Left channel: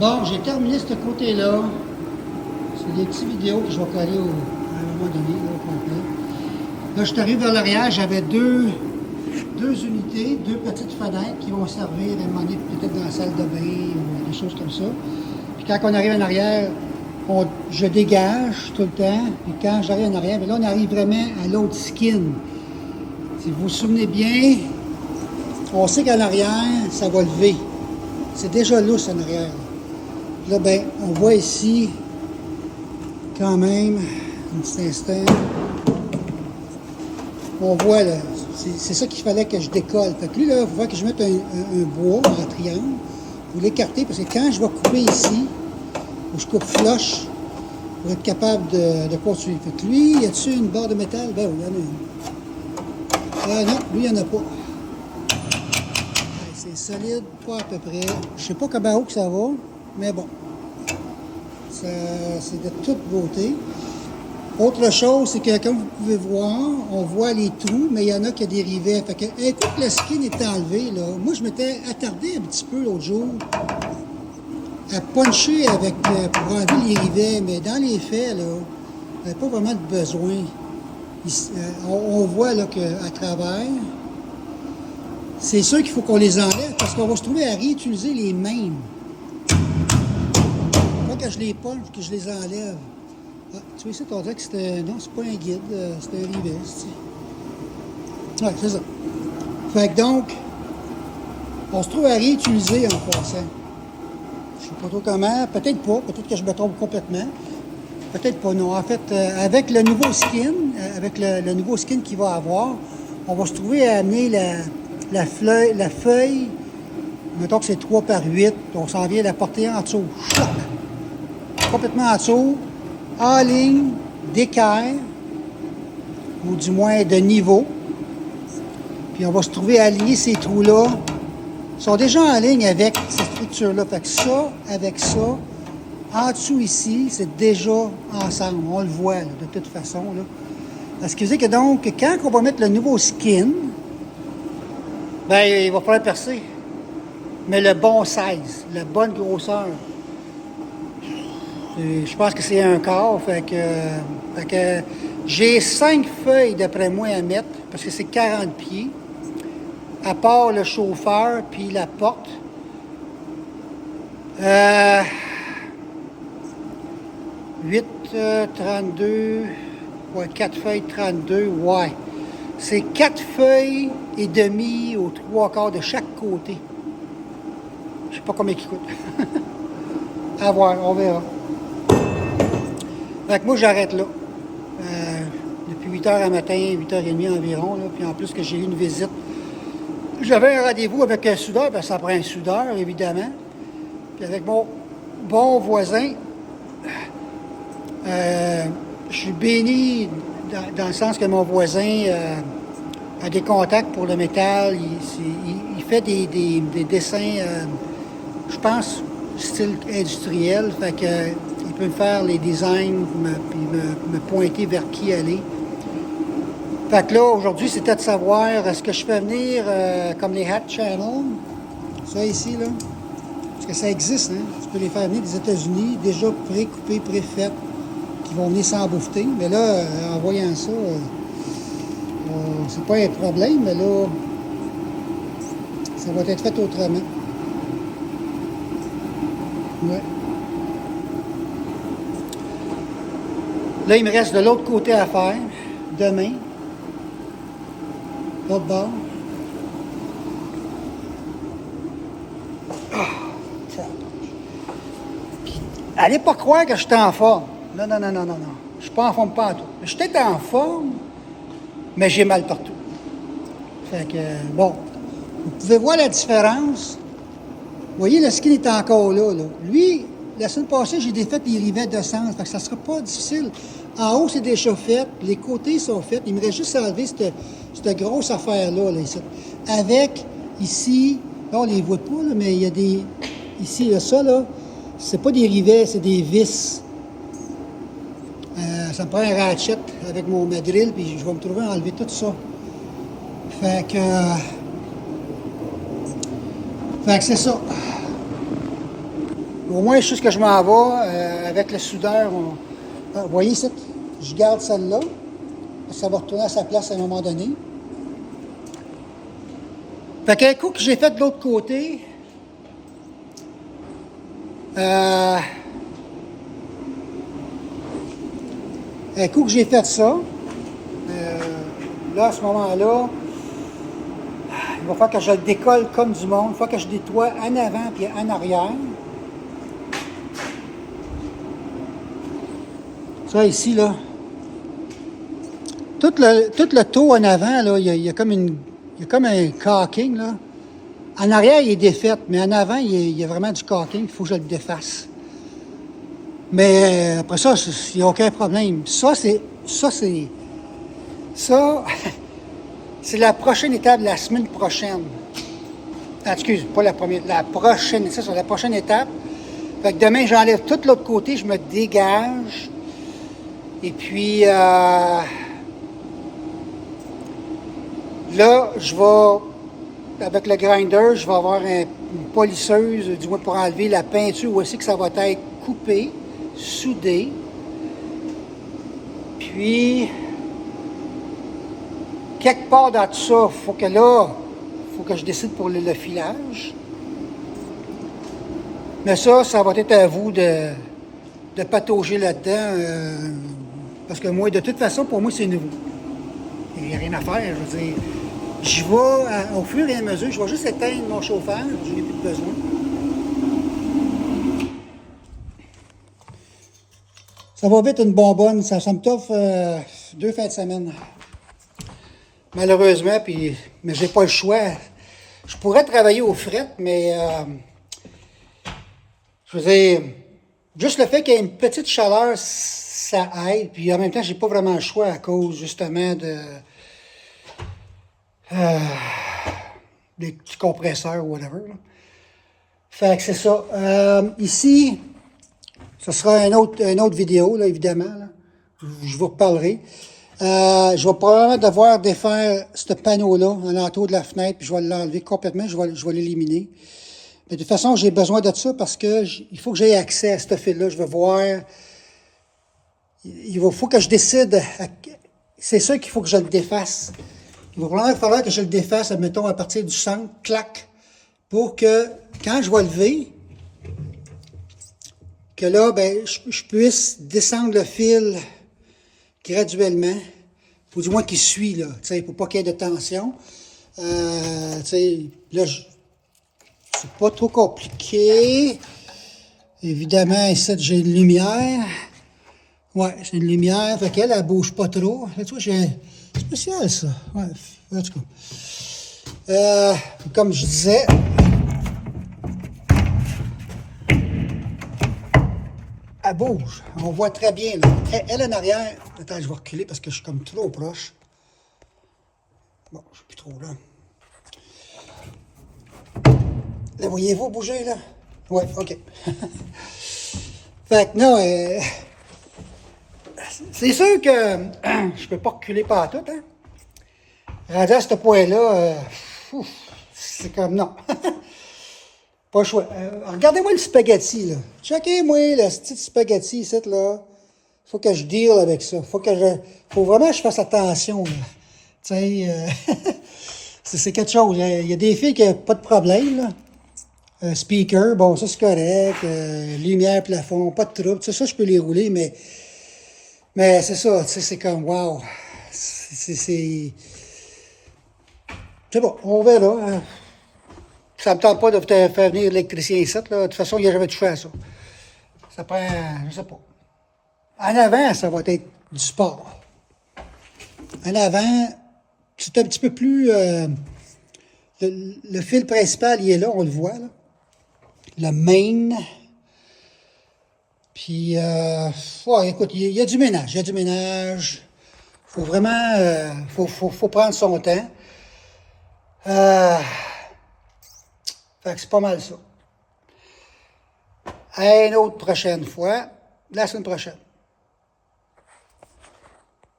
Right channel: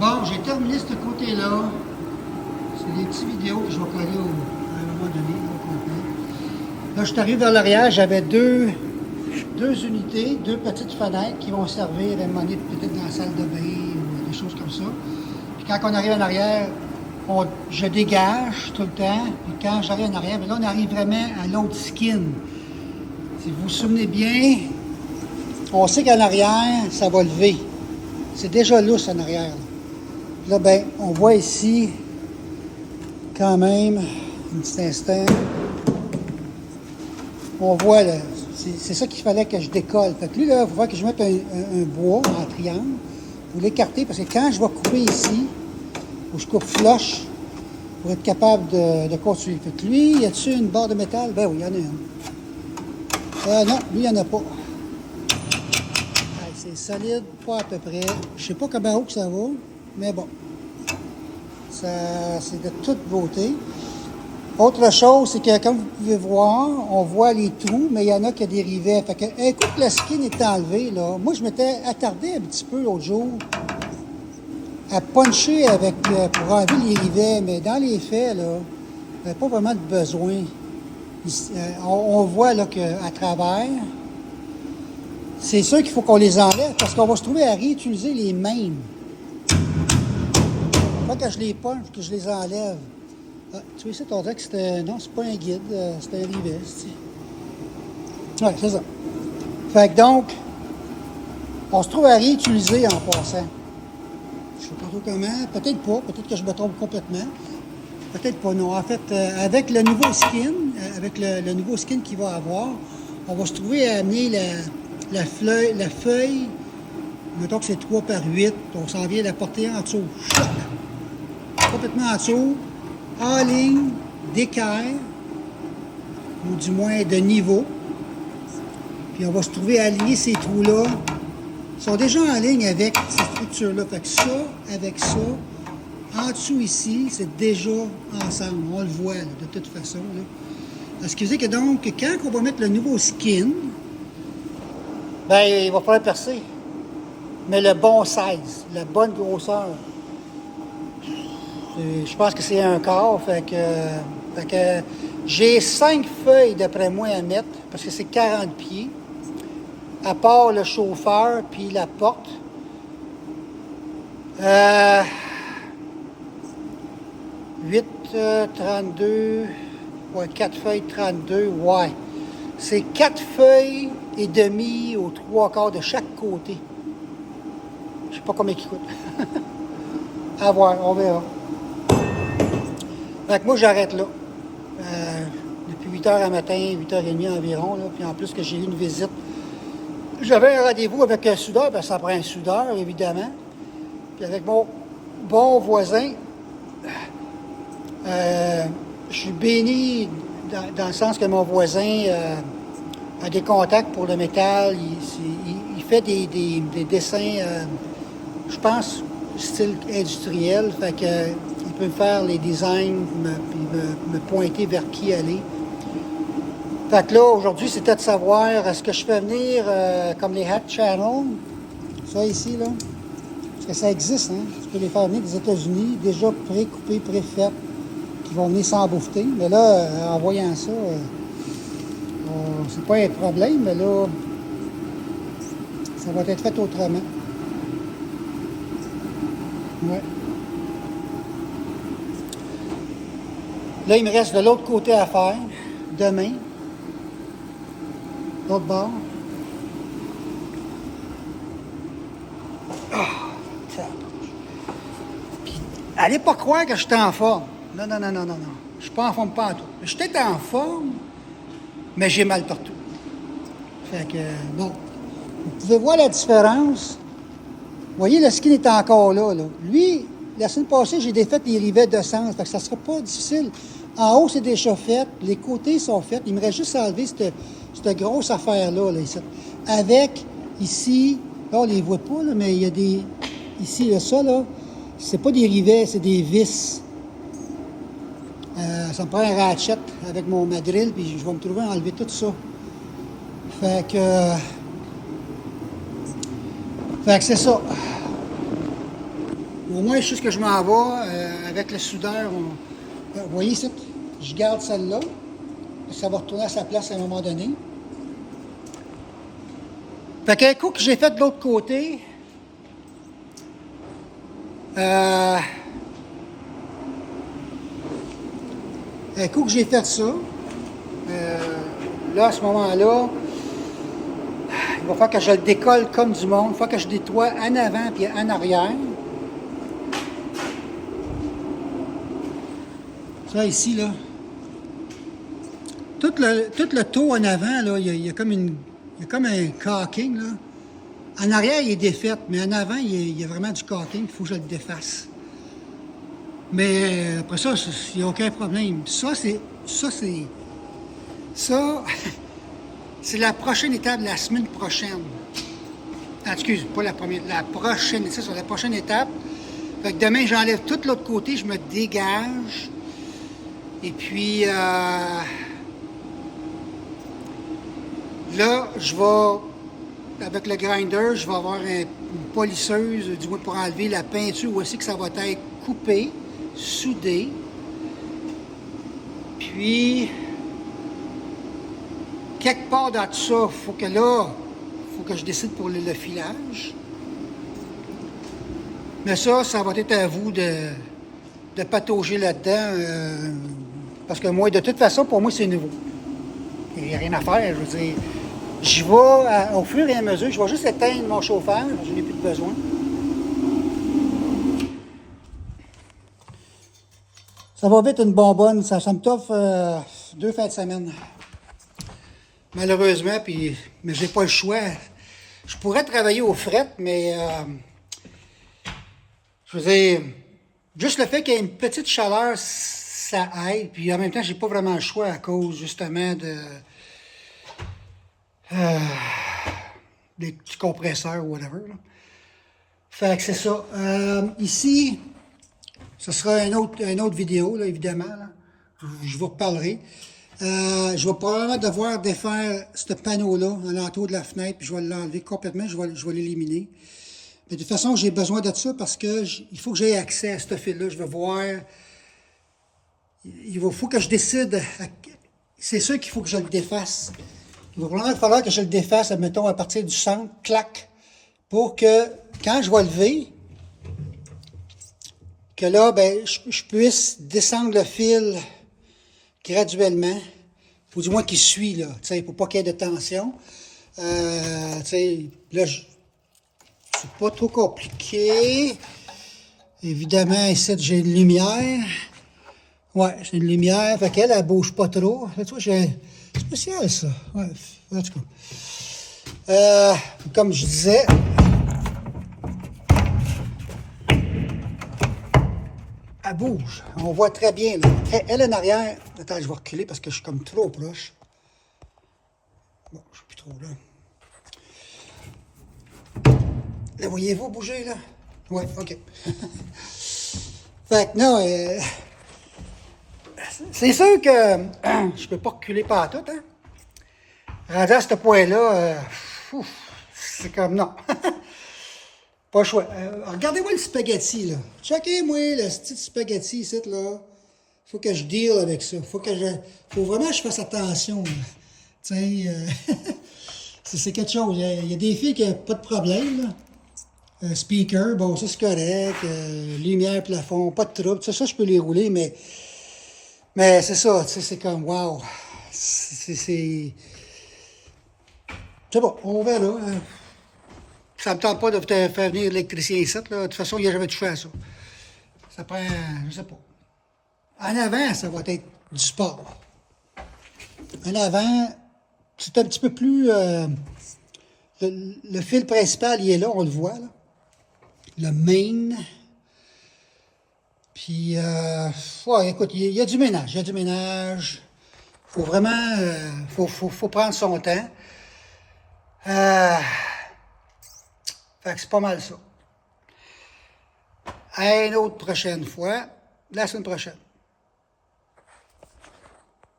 Bon, j'ai terminé ce côté-là. C'est des petites vidéos que je vais coller à un moment donné. Là, je suis arrivé vers l'arrière, j'avais deux unités, deux petites fenêtres qui vont servir à demander peut-être dans la salle de bain ou des choses comme ça. Puis quand on arrive en arrière, je dégage tout le temps. Puis quand j'arrive en arrière, bien là, on arrive vraiment à l'autre skin. Si vous vous souvenez bien, on sait qu'en arrière, ça va lever. C'est déjà lousse en arrière. Là, ben, on voit ici, quand même, un petit instant, on voit, là, c'est ça qu'il fallait que je décolle. Fait que lui, là, il faut voir que je mette un bois en triangle pour l'écarter, parce que quand je vais couper ici, ou je coupe flush, pour être capable de continuer. Fait que lui, y a-t-il une barre de métal? Ben oui, il y en a une. Non, lui, il n'y en a pas. C'est solide, pas à peu près. Je sais pas comment haut que ça va, mais bon. C'est de toute beauté. Autre chose, c'est que comme vous pouvez voir, on voit les trous, mais il y en a qui ont des rivets. Fait que, un coup que la skin est enlevée, là, moi je m'étais attardé un petit peu l'autre jour à puncher avec, pour enlever les rivets, mais dans les faits, là, il n'y a pas vraiment de besoin. On voit là qu'à travers, c'est sûr qu'il faut qu'on les enlève parce qu'on va se trouver à réutiliser les mêmes. Pas que je les punche, que je les enlève. Ah, tu vois ça, t'as dit que c'était... Non, c'est pas un guide, c'est un rivet. Ouais, c'est ça. Fait que donc, on se trouve à réutiliser en passant. Je sais pas trop comment, peut-être pas, peut-être que je me trompe complètement. Peut-être pas, non. En fait, avec le nouveau skin, avec le nouveau skin qu'il va avoir, on va se trouver à amener la feuille, mettons que c'est 3 par 8, on s'en vient la porter en dessous. Choc! Complètement en dessous, en ligne, d'équerre, ou du moins de niveau. Puis on va se trouver à aligner ces trous-là. Ils sont déjà en ligne avec cette structure-là. Fait que ça, avec ça, en dessous ici, c'est déjà ensemble. On le voit là, de toute façon. Là. Ce qui veut dire que donc, quand on va mettre le nouveau skin, ben il va falloir percer. Mais le bon size, la bonne grosseur. Je pense que c'est un quart. Fait que j'ai 5 feuilles d'après moi à mettre, parce que c'est 40 pieds. À part le chauffeur puis la porte. 8, 32, ouais, 4 feuilles 32, ouais. C'est 4 feuilles et demi aux 3 quarts de chaque côté. Je sais pas combien il coûte. À voir, on verra. Fait que moi, j'arrête là. Depuis 8 h à matin, 8 h30 environ, là, puis en plus que j'ai eu une visite. J'avais un rendez-vous avec un soudeur, parce que ça prend un soudeur, évidemment. Puis avec mon bon voisin, je suis béni dans le sens que mon voisin a des contacts pour le métal. Il fait des dessins, je pense, style industriel. Fait que il peut me faire les designs, puis me pointer vers qui aller. Fait que là, aujourd'hui, c'était de savoir, est-ce que je fais venir comme les hat channel, ça ici, là, parce que ça existe, hein? Tu peux les faire venir des États-Unis, déjà pré-coupés, pré-faits, qui vont venir s'embouffer. Mais là, en voyant ça, c'est pas un problème, mais là, ça va être fait autrement. Ouais. Là, il me reste de l'autre côté à faire, demain. L'autre bord. Allez pas croire que je suis en forme. Non. Je suis pas en forme pas en tout. Je suis peut-être en forme, mais j'ai mal partout. Fait que, bon. Vous pouvez voir la différence. Vous voyez, le skin est encore là. Lui, la semaine passée, j'ai défait les rivets de sens. Fait que ça sera pas difficile. En haut, c'est déjà fait. Les côtés sont faits. Il me reste juste à enlever cette grosse affaire-là, là, ici. Avec, ici, là, on les voit pas, là, mais il y a des... Ici, là, ça, là, c'est pas des rivets, c'est des vis. Ça me prend un ratchet avec ma drill, puis je vais me trouver à enlever tout ça. Fait que c'est ça. Au moins, je sais ce que je m'en vais. Avec le soudeur, vous voyez ici, je garde celle-là. Ça va retourner à sa place à un moment donné. Fait qu'un coup que j'ai fait de l'autre côté, un coup que j'ai fait ça, là, à ce moment-là, il va falloir que je le décolle comme du monde. Il va falloir que je nettoie en avant et en arrière. Ça ici, là. Tout le tour en avant, là, il y a comme un caulking, là. En arrière, il est défait, mais en avant, il y a vraiment du caulking. Il faut que je le défasse. Mais après ça, il n'y a aucun problème. Ça, c'est la prochaine étape de la semaine prochaine. Ah, excuse, pas la première, la prochaine, c'est ça, la prochaine étape. Fait que demain, j'enlève tout l'autre côté, je me dégage. Et puis, là, je vais, avec le grinder, je vais avoir une polisseuse, du moins pour enlever la peinture aussi que ça va être coupé, soudé. Puis, quelque part dans tout ça, faut que je décide pour le filage. Mais ça va être à vous de patauger là-dedans. Parce que moi, de toute façon, pour moi, c'est nouveau. Il n'y a rien à faire, je veux dire. Je vais, au fur et à mesure, je vais juste éteindre mon chauffage, je n'ai plus de besoin. Ça va vite une bonbonne, ça me t'offre 2 fins de semaine. Malheureusement, mais j'ai pas le choix. Je pourrais travailler au fret, mais je veux dire, juste le fait qu'il y ait une petite chaleur, ça aide. Puis en même temps, j'ai pas vraiment le choix à cause justement des petits compresseurs ou whatever. Là. Fait que c'est ça. Ici, ce sera une autre vidéo, là, évidemment. Là. Je vous reparlerai. Je vais probablement devoir défaire ce panneau-là, à l'entour de la fenêtre, puis je vais l'enlever complètement, je vais l'éliminer. Mais de toute façon, j'ai besoin de ça parce que il faut que j'aie accès à ce fil-là. Je vais voir. Il faut que je décide. C'est sûr qu'il faut que je le défasse. Il va probablement falloir que je le défasse, admettons, à partir du centre, clac, pour que, quand je vais lever, que là, ben, je puisse descendre le fil graduellement, ou du moins qu'il suit, là, tu sais, pour pas qu'il y ait de tension. Tu sais, là, c'est pas trop compliqué. Évidemment, ici, j'ai une lumière. Ouais, c'est une lumière, fait qu'elle, elle bouge pas trop. Tu vois, c'est spécial, ça. Ouais, en tout cas. Comme je disais, elle bouge. On voit très bien, là. Elle en arrière. Attends, je vais reculer parce que je suis comme trop proche. Bon, je suis plus trop là. Là, voyez-vous bouger, là? Ouais, OK. Fait que non, c'est sûr que je peux pas reculer partout, hein? Rendu à ce point-là, c'est comme non. Pas le choix. Regardez-moi le spaghetti, là. Checkez-moi le petit spaghetti ici, là. Faut que je deal avec ça. Faut vraiment que je fasse attention, là. Tu sais, c'est quelque chose. Il y a des filles qui n'ont pas de problème, là. Speaker, bon, ça c'est correct. Lumière, plafond, pas de trouble. Ça, je peux les rouler, mais c'est ça, tu sais, c'est comme, wow. C'est bon, on verra. Hein. Ça me tente pas de faire venir l'électricien ici, là. De toute façon, il n'y a jamais touché à ça. Ça prend, je sais pas. En avant, ça va être du sport. En avant, c'est un petit peu plus... le fil principal, il est là, on le voit, là. Le main. Puis, ouais, écoute, il y a du ménage. Il y a du ménage. Faut vraiment... faut prendre son temps. Fait que c'est pas mal ça. À une autre prochaine fois, la semaine prochaine.